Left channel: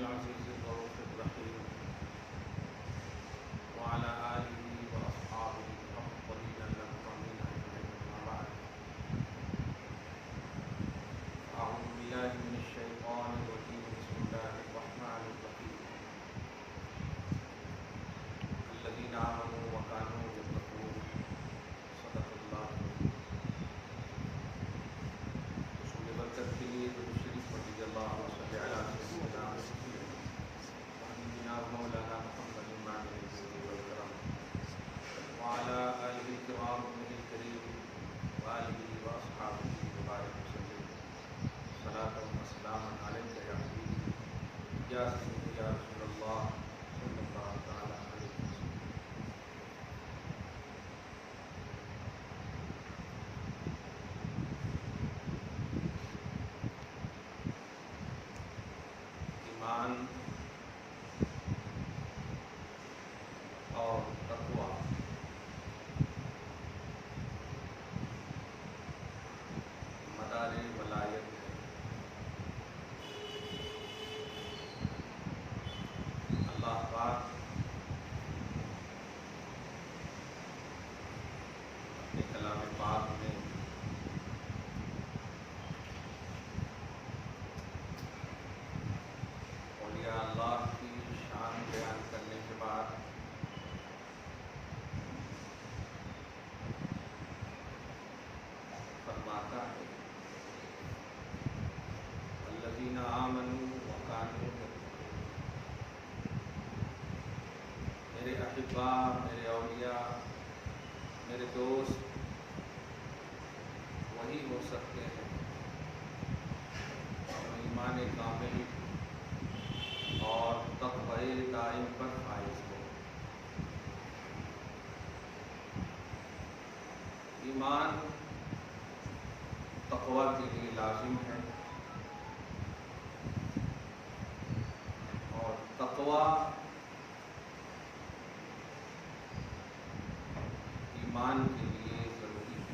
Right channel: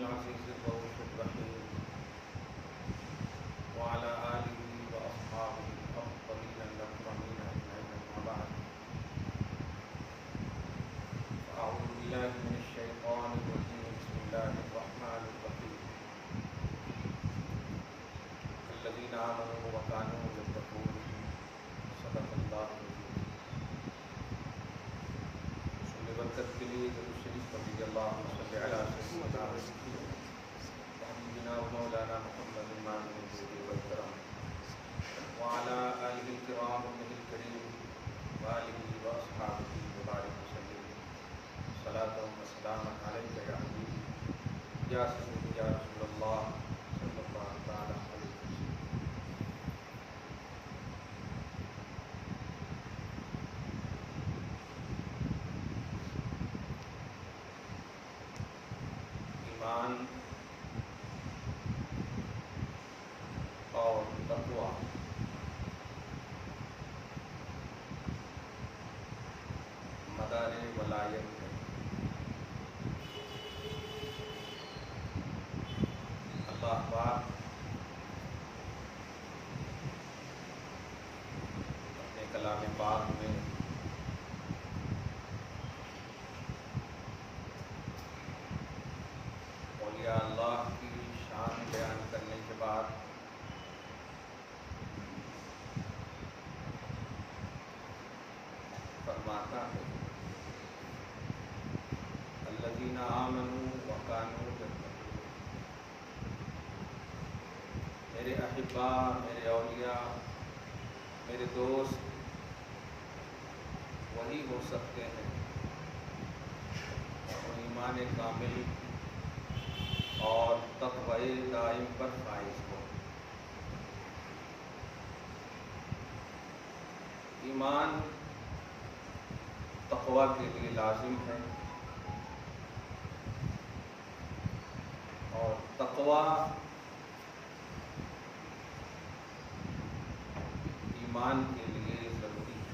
العزيز الرؤوف الرحيم وعلى آله وأصحابه الأفضلين الأكرمين أجمعين أما بعد أعوذ بالله من الشيطان الرجيم بسم الله الرحمن الرحيم الذين آمنوا وكانوا يتقون صدق الله العظيم. برکت کے لیے درود شریف رضی اللہ صلی علی سیدنا وحبیبنا مولانا محمد النبی والکرام وعلى آلہ الکرام وصحبہ الکریم وآلہ واصحابہ وبارک وسلم صلاۃ و سلام علیک یا حبیبی یا سیدی یا رسول اللہ صلی اللہ تعالی علیہ وسلم. ایمان اور تقویٰ مدار ولایت ہے. اللہ پاک اپنے کلام پاک میں اولیاء اللہ کی شان بیان کرنے کے بعد فرماتا ہے الذین آمنوا وکانوا یتقون. میرے احباء، میرے اولیاء، میرے دوست وہی ہو سکتے ہیں جو ایمان کامل اور تقوی دائم پر فائز ہو. ایمان تقوی کے لیے لازم ہے اور تقوی ایمان کے لیے ضروری ہے.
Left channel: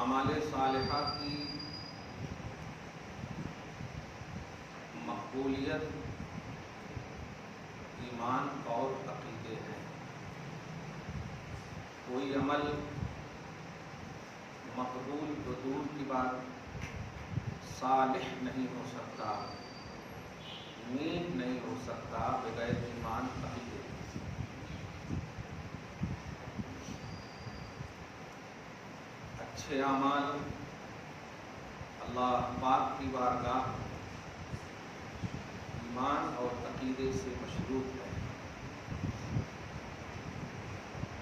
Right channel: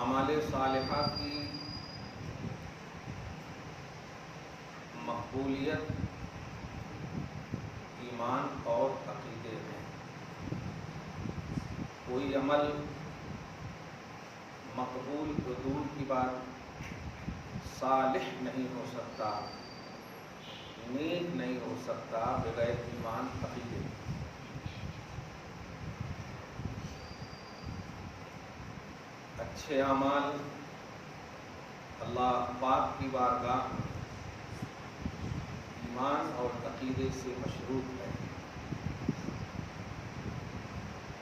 اعمال صالحہ کی مقبولیت ایمان اور عقیدے ہیں. کوئی عمل مقبول تو دور کی بات صالح نہیں ہو سکتا، نیک نہیں ہو سکتا بغیر ایمان عقیدے. اچھے اعمال اللہ پاک کی بارگاہ ایمان اور عقیدے سے مشروط ہے.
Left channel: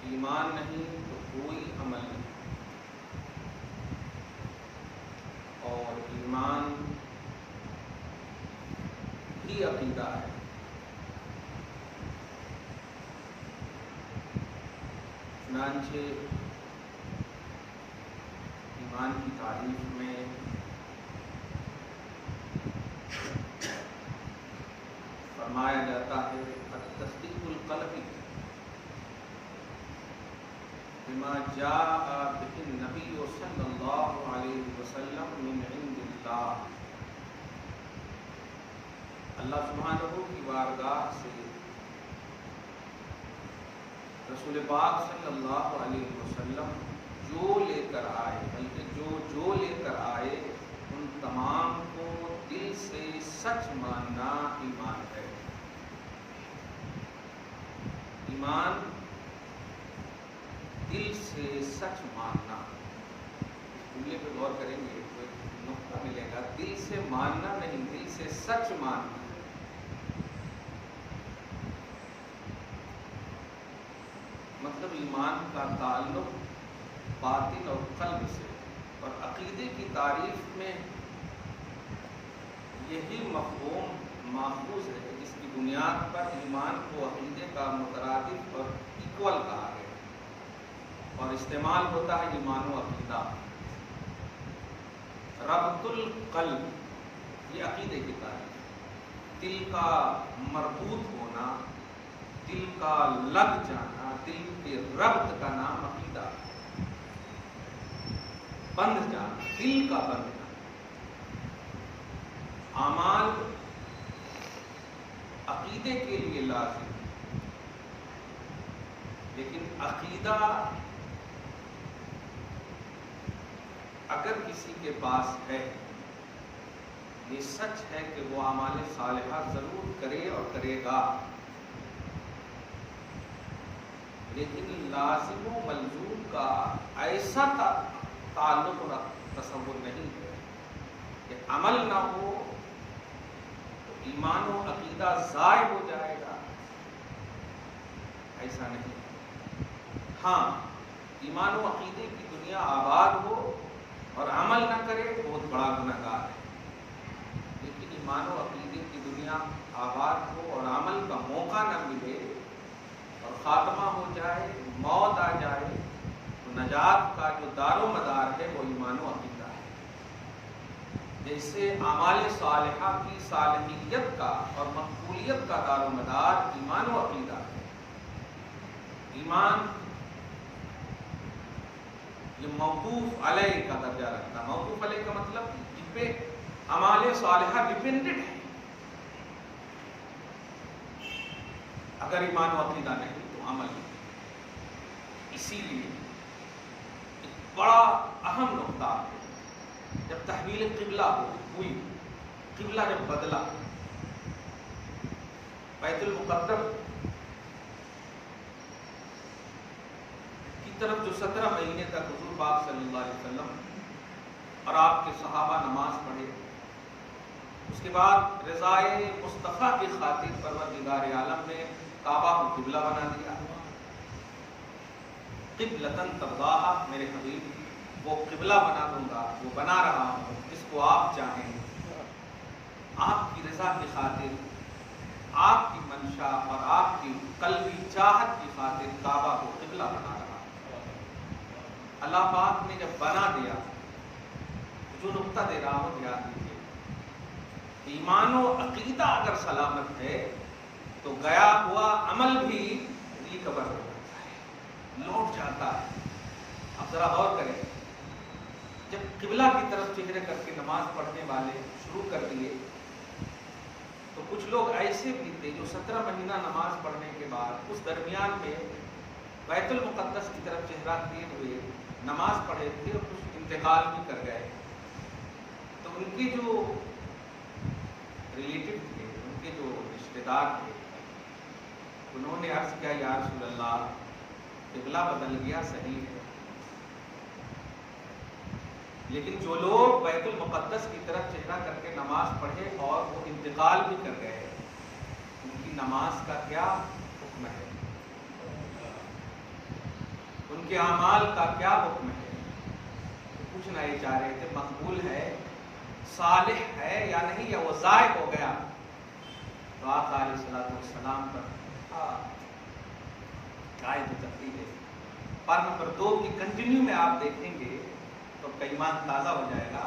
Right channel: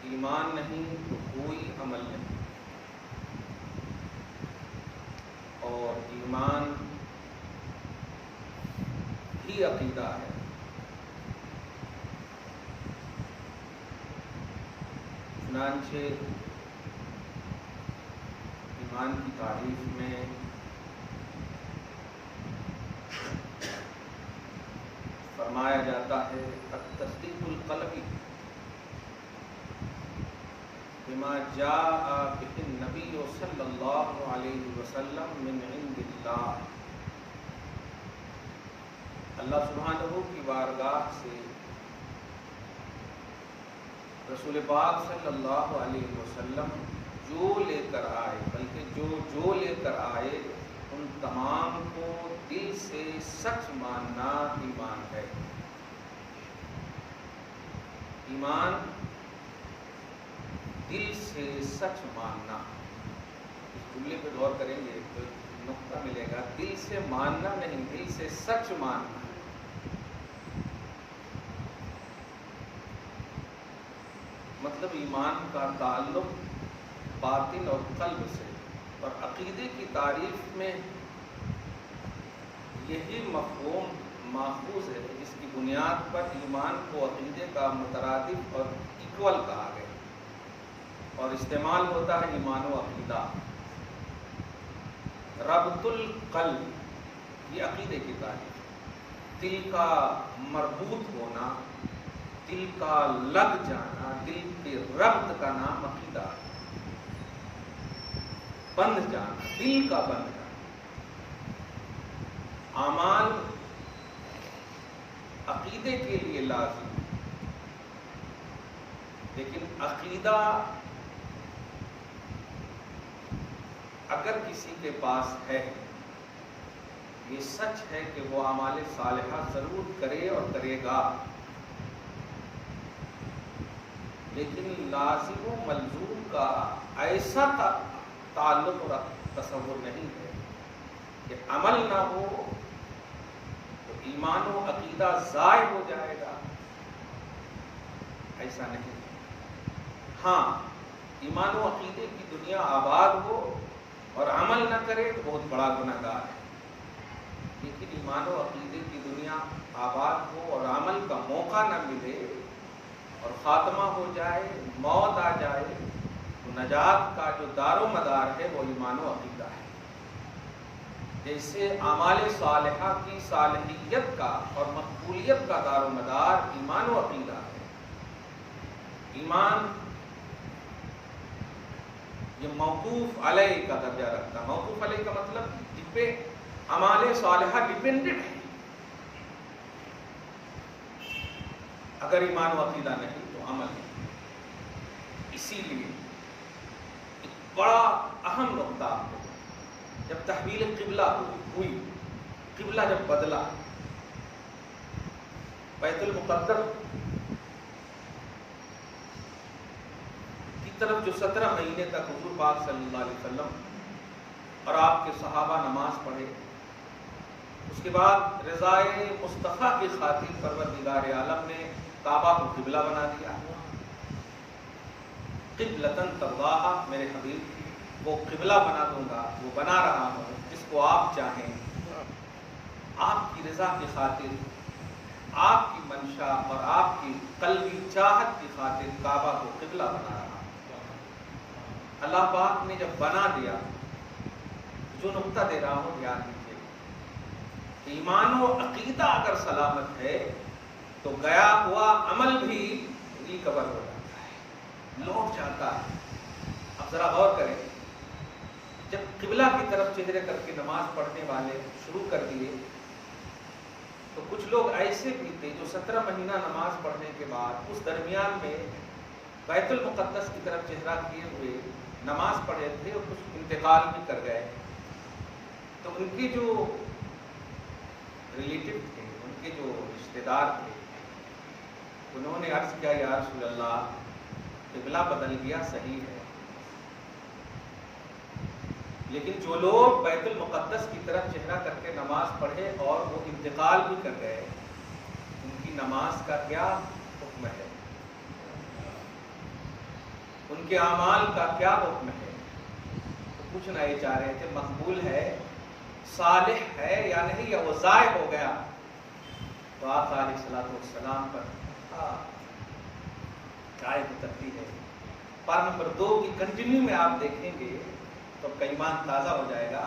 ایمان نہیں تو کوئی عمل نہیں، اور ایمان ہی عقیدہ ہے. چنانچہ ایمان کی تعریف میں فرمایا جاتا ہے التصدیق القلبی بما جاء به النبی صلی اللہ علیہ وسلم من عند اللہ. اللہ سبحانہ کی بارگاہ سے رسول پاک صلی اللہ علیہ وسلم جو لے کر آئے، بلکہ جو لے کر آئے ان تمام کو دل سے سچ ماننا ایمان ہے. ایمان دل سے سچ ماننا. اس جملے پہ غور کریں گے تو ایک نقطہ ملے گا. دل سے ماننا نہیں، دل سے سچ ماننا. مطلب ایمان کا تعلق باطن اور قلب سے، اور عقیدے کی تعریف میں یہی مفہوم ماخوذ ہے جس کی بنیاد پر ایمان کو عقیدے کا مترادف اور ایکول کہا گیا، اور استعمال ہوتا ہے ایمان و عقیدہ. ربط القلب یہ عقیدے کی تعریف. دل کا مربوط ہونا، دل کا لگ جانا، دل کے ربط کا نام عقیدہ ہے. بندھ جانا، دل کا بندھ جانا. اعمال عقیدے کے لیے لازم ہے، لیکن عقیدہ اگر کسی کے پاس ہے، یہ سچ ہے کہ وہ اعمال صالحہ ضرور کرے اور کرے گا، لیکن لازم و ملزوم کا ایسا تعلق اور تصور نہیں ہے کہ عمل نہ ہو تو ایمان و عقیدہ ضائع ہو جائے گا، ایسا نہیں ہے۔ ہاں، ایمان و عقیدے کی دنیا آباد ہو اور عمل نہ کرے تو بہت بڑا گناہ گار ہے، لیکن ایمان و عقیدے کی دنیا آباد ہو اور عمل کا موقع نہ ملے اور خاتمہ ہو جائے، موت آ جائے، تو نجات کا جو دار و مدار ہے وہ ایمان و عقیدہ ہے۔ جیسے اعمال صالحہ کی صالحیت کا اور مقبولیت کا دار و مدار ایمان و عقیدہ ہے۔ ایمان یہ موقوف علیہ کا درجہ رکھتا ہے۔ موقوف علیہ کا مطلب جن پہ اعمال صالحہ ڈیپینڈنٹ ہے، اگر ایمان و عقیدہ نہیں تو عمل نہیں۔ اسی لیے ایک بڑا اہم نقطہ ہے، جب تحویل قبلہ ہوئی، قبلہ جب بدلا، بیت المقدس کی طرف جو 17 مہینے تک حضور پاک صلی اللہ علیہ وسلم اور آپ کے صحابہ نماز پڑھے، اس کے بعد رضائے مصطفیٰ کی خاطر پروردگار عالم نے کعبہ کو قبلہ بنا دیا۔ قبلتن ترضاہا، میرے حبیب وہ قبلہ بنا دوں گا، وہ بنا رہا ہوں جس کو آپ چاہیں، آپ کی رضا کی خاطر، آپ کی منشا اور آپ کی قلبی چاہت کی خاطر کعبہ کو قبلہ بنا رہا ہوں۔ اللہ پاک نے جب بنا دیا، جو نقطہ دے رہا ہوں یاد دیجیے، ایمان و عقیدہ اگر سلامت ہے تو گیا ہوا عمل بھی ریکور ہو جاتا ہے، لوٹ جاتا ہے۔ اب ذرا غور کریں، جب قبلہ کی طرف چہرے کر کے نماز پڑھنے والے شروع کر دیے تو کچھ لوگ ایسے بھی تھے جو 17 مہینہ نماز پڑھنے کے بعد اس درمیان میں بیت المقدس کی طرف چہرہ کیے ہوئے نماز پڑھے تھے اور کچھ انتقال بھی کر گئے۔ تو ان کے جو ریلیٹیو تھے، ان کے جو رشتہ دار تھے، انہوں نے عرض کیا یا رسول اللہ قبلہ بدل گیا صحیح ہے، لیکن جو لوگ بیت المقدس کی طرف چہرہ کر کے نماز پڑھے اور وہ انتقال بھی کر گئے، ان کی نماز کا کیا حکم ہے، ان کے اعمال کا کیا حکم ہے؟ تو پوچھنا یہ چاہ رہے تھے مقبول ہے، صالح ہے یا نہیں، یا وہ ضائع ہو گیا؟ تو آپ علیہ الصلوۃ والسلام پر آیت اترتی ہے۔ پارہ نمبر 2 کی کنٹینیو میں آپ دیکھیں گے تو کا ایمان تازہ ہو جائے گا۔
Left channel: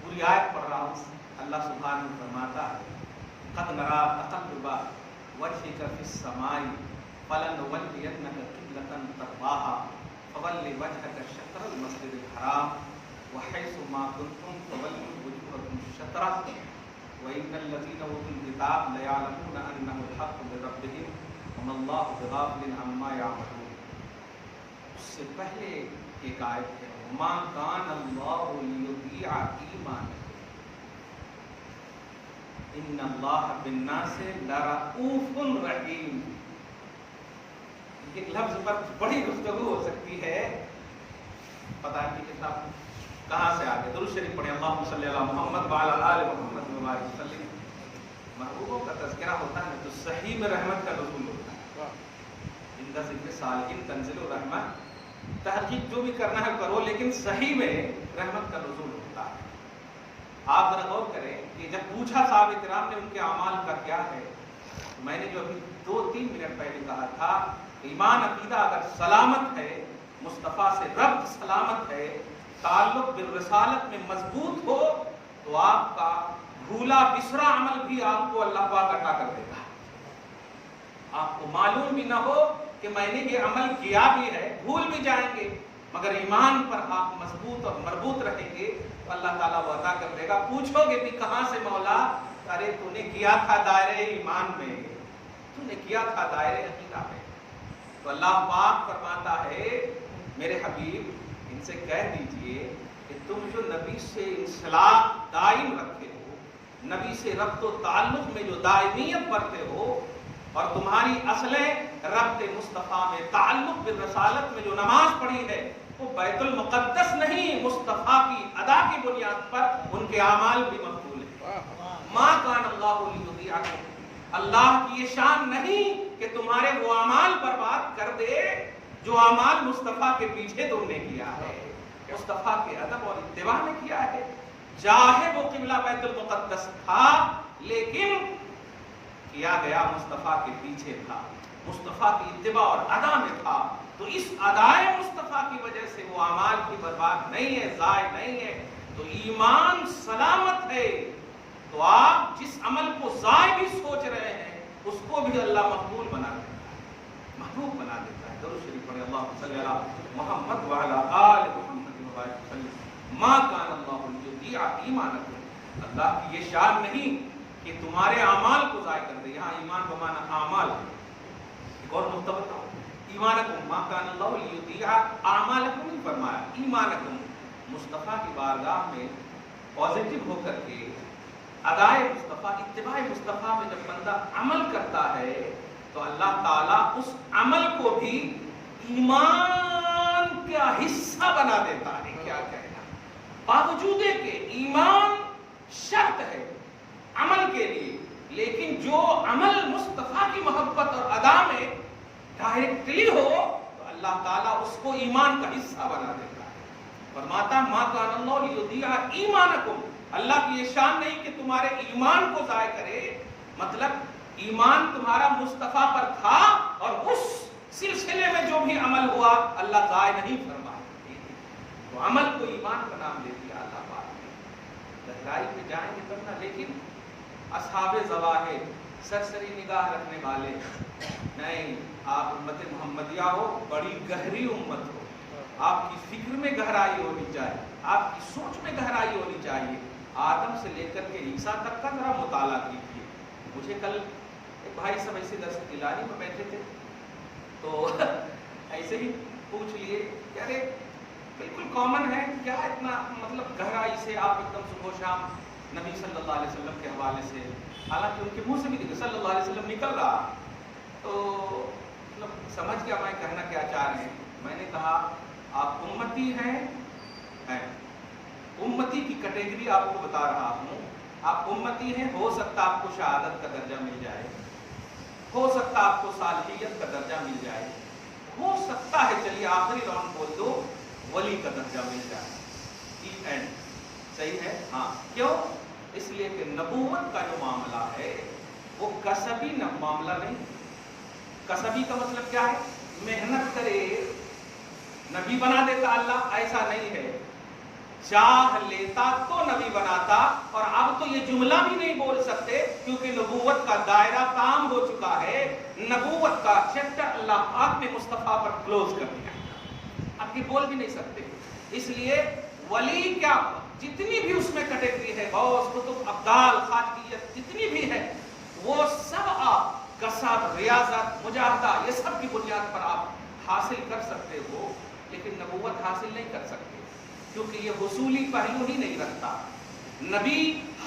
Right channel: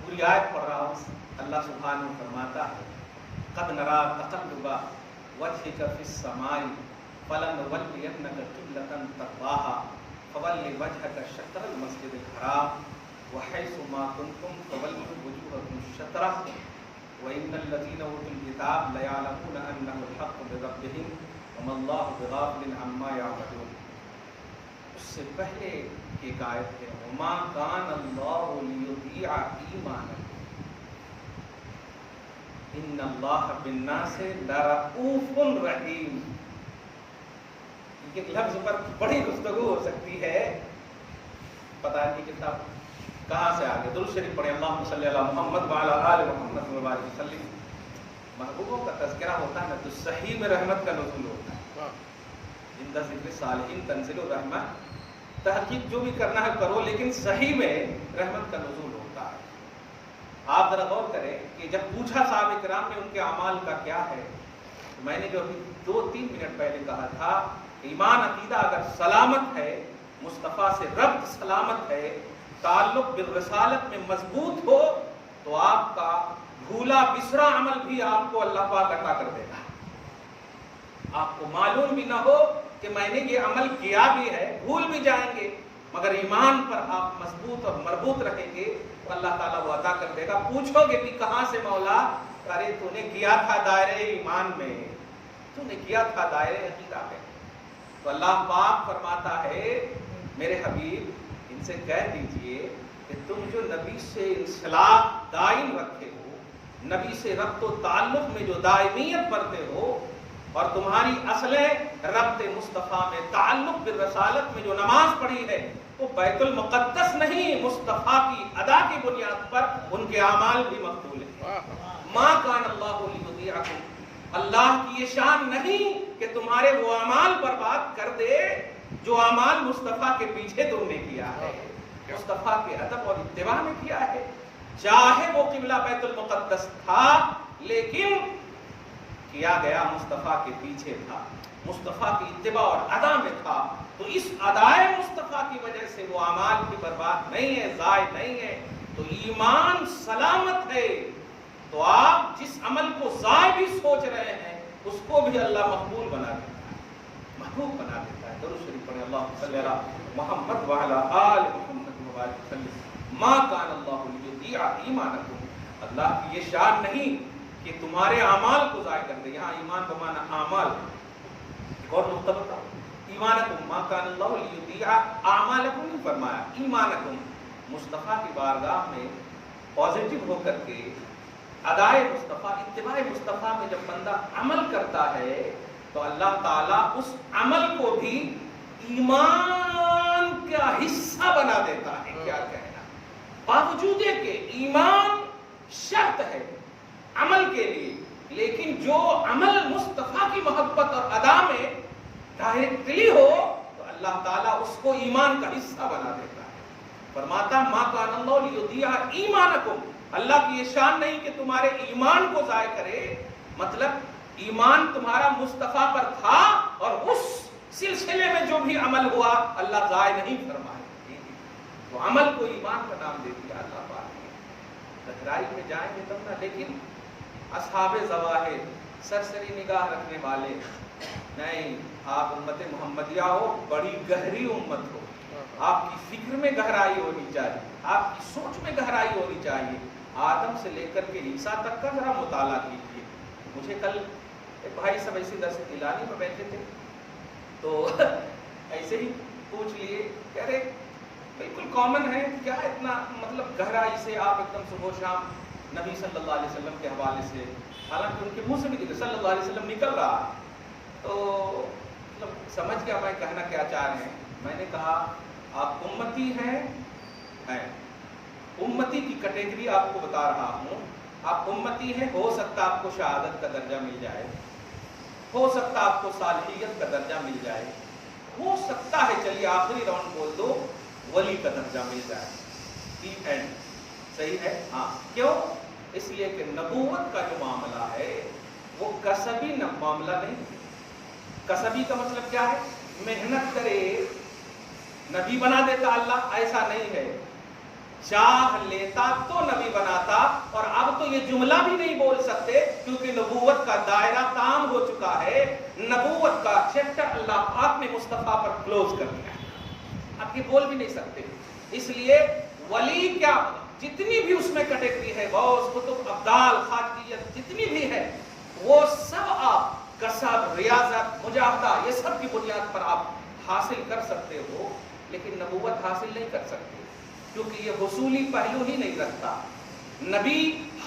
پوری آیت پڑھ رہا ہوں، اللہ سبحانہ فرماتا ہے قد نرا تقلب وجهك في السماء فلنولينك قبلة ترضاها فول وجهك شطر المسجد الحرام وحيث ما كنتم فولوا وجوهكم شطره وإن الذين أوتوا الكتاب ليعلمون أنه الحق من ربهم وما الله بغافل عما يعملون۔ اس سے پہلے ایک آیت ہے وما كان الله ليضيع إيمانكم ان اللہ بالناس لرؤوف رحیم۔ یہ لفظ پر بڑی گفتگو ہو سکتی ہے، پتہ نہیں کتنا کہاں سے آگے۔ درود شریف پڑھیں، اللہم صلی علی محمد وعلی آل محمد وبارک وسلم۔ محبوبوں کا تذکرہ ہوتا ہے تو صحیح میں رحمت کا نزول ہوتا ہے۔ زندہ ذکر صالحین تنزل الرحمت، تحقیق جو بھی کرنا ہے کرو، لیکن صحیح میں رحمت کا نزول ہوتا ہے۔ آپ ذرا غور کریں کہ جب پوچھا صحابہ کرام نے ان کے اعمال کا کیا ہے، تو میں نے جو ابھی 2-3 منٹ پہلے کہا تھا، ایمان عقیدہ اگر سلامت ہے، مصطفیٰ سے ربط سلامت ہے، تعلق بالرسالت میں مضبوط ہو، تو آپ کا بھولا بسرا عمل بھی آپ کو اللہ پاک عطا کر دے گا۔ آپ کو معلوم بھی نہ ہو کہ میں نے یہ عمل کیا بھی ہے، بھول بھی جائیں گے، مگر ایمان پر آپ مضبوط اور مربوط رہیں گے تو اللہ تعالیٰ وہ عطا کر دے گا. پوچھو گے بھی کہاں سے مولا؟ ارے تو نے کیا تھا دائرے ایمان میں، تو نے کیا تھا دائرے عقیدہ میں. تو اللہ پاک فرماتا ہے میرے حبیب ان سے کہہ دیجئے کہ تم جو نبی سے انسلاح دائم رکھے ہو، نبی سے ربط و تعلق میں جو دائمیت برتے ہو، اور تمہاری اصلیں ربط مصطفیٰ میں تعلق بالرسالت میں جو نماز پڑھی ہے وہ بیت المقدس نہیں، مصطفیٰ کی ادا کی بنیاد پر ان کے اعمال بھی مقبول ہیں. ما کان اللہ لیضیعکم، اللہ کی یہ شان نہیں کہ تمہارے وہ اعمال برباد کر دے جو اعمال مصطفیٰ کے پیچھے تم نے کیا ہے، مصطفیٰ کے ادب اور اتباع میں کیا ہے. چاہے وہ قبلہ بیت المقدس تھا لیکن کیا گیا مصطفیٰ کے پیچھے تھا، مصطفیٰ کی اتباع اور ادا میں تھا. تو اس ادائے مصطفیٰ کی وجہ سے وہ اعمال بھی برباد نہیں ہے، ضائع نہیں ہے. تو ایمان سلامت ہے. تو آپ جس عمل کو ضائع بھی سوچ رہے ہیں اس کو بھی اللہ مقبول بنا دیتا ہے، محبوب بنا دیتا ہے. درود شریف پڑھیں، اللہم صلی علی محمد وعلی آل محمد وبارک وسلم. ما کان اللہ لیضیع ایمانکم، اللہ کی یہ شان نہیں کہ تمہارے اعمال کو ضائع کر دے. یہاں ایمان بمانا اعمال. ایک اور نقطہ بتاؤ، ایمانکم ما کان اللہ لیضیع اعمالکم نہیں فرمایا، ایمانکم. مصطفیٰ کی بارگاہ میں پازیٹو ہو کر کے ادائے مصطفیٰ، اتباع مصطفیٰ میں جب بندہ عمل کرتا ہے تو اللہ تعالیٰ اس عمل کو بھی ایمان کا حصہ بنا دیتا ہے. کیا کہنا، باوجود کہ ایمان شرط ہے عمل کے لیے، لیکن جو عمل مصطفیٰ کی محبت اور ادا میں ڈائریکٹلی ہو تو اللہ تعالیٰ اس کو ایمان کا حصہ بنا دیتا ہے. فرماتا ما کان اللہ لیضیع ایمانکم، اللہ کی یہ شان نہیں کہ تمہارے ایمان کو ضائع کرے. مطلب ایمان تمہارا مصطفیٰ پر تھا اور اس سلسلے میں جو بھی عمل ہوا اللہ ضائع نہیں فرمائے. تو عمل کو ایمان کا نام دے دیا اللہ پاک نے. گہرائی میں جائیں گے تب نہ، لیکن اصحاب ظواہر سرسری نگاہ رکھنے والے نہیں. آپ امت محمدیہ ہو، بڑی گہری امت ہو، آپ کی فکر میں گہرائی ہونی چاہیے، آپ کی سوچ میں گہرائی ہونی چاہیے. آدم سے لے کر کے عیسیٰ تک کا ذرا مطالعہ کیجیے. مجھے کل ایک بھائی سب ایسی درس اعلانی میں بیٹھے تھے تو ایسے ہی پوچھ لیے، کہہ رہے بالکل کامن ہے، کیا اتنا مطلب گہرائی سے آپ ایک دم صبح و شام نبی صلی اللہ علیہ وسلم کے حوالے سے، حالانکہ ان کے منہ سے بھی دیکھے صلی اللہ علیہ وسلم نکل رہا. تو مطلب سمجھ گیا میں کہنا کیا چاہ رہے ہیں. میں نے کہا آپ امتی ہیں، امتی کی کیٹیگری آپ کو بتا رہا ہوں. آپ امتی ہیں، ہو سکتا آپ کو شہادت کا درجہ مل جائے، ہو سکتا آپ کو صالحیت کا درجہ مل جائے، ہو سکتا ہے چلیے آخری راؤنڈ بول دو ولی کا درجہ مل جائے. دی اینڈ صحیح ہے. ہاں کیوں؟ اس لیے کہ نبوت کا جو معاملہ ہے وہ کسبی معاملہ نہیں. کسبی کا مطلب کیا ہے؟ محنت کرے نبی بنا دیتا اللہ، ایسا نہیں ہے. چاہ لیتا تو نبی بناتا. اور اب تو یہ جملہ بھی نہیں بول سکتے کیونکہ نبوت کا دائرہ تام ہو چکا ہے، نبوت کا چیپٹر اللہ پاک نے مصطفیٰ پر کلوز کر دیا. اب یہ بول بھی نہیں سکتے. اس لیے ولی کیا، جتنی بھی اس میں کیٹیگری ہے، غوث، قطب، ابدال، خاتمیت، جتنی بھی ہے وہ سب آپ کسب، ریاضت، مجاہدہ یہ سب کی بنیاد پر آپ حاصل کر سکتے ہو، لیکن نبوت حاصل نہیں کر سکتے کیونکہ یہ حصولی پہلو ہی نہیں رکھتا. نبی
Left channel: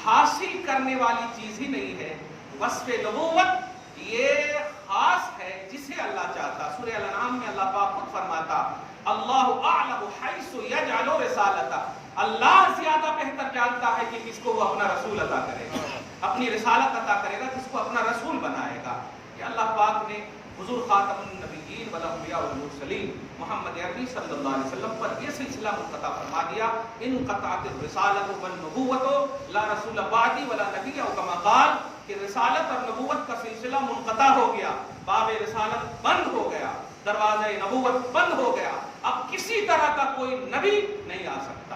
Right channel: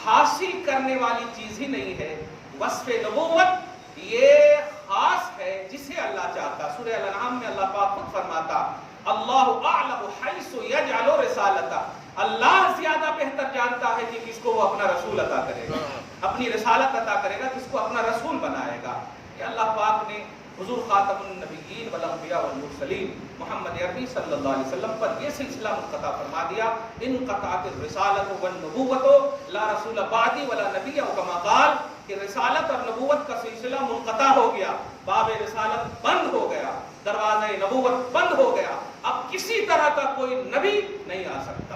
حاصل کرنے والی چیز ہی نہیں ہے. وصف نبوت یہ خاص ہے جسے اللہ چاہتا. سورہ الانعام میں اللہ پاک خود فرماتا اللہ اعلم حیث یجعل رسالتہ، اللہ زیادہ بہتر جانتا ہے کہ کس کو وہ اپنا رسول عطا کرے گا، اپنی رسالت عطا کرے گا، کس کو اپنا رسول بنائے گا. کہ اللہ پاک نے حضور خاتم النبیین والانبیاء والمرسلین محمد عربی صلی اللہ علیہ وسلم پر یہ سلسلہ منقطع فرما دیا. انقطعت الرسالۃ والنبوۃ لا رسول بعدی ولا نبی او کما قال، کہ رسالت اور نبوت کا سلسلہ منقطع ہو گیا، باب رسالت بند ہو گیا، دروازہ نبوت بند ہو گیا. اب کسی طرح کا کوئی نبی نہیں آ سکتا.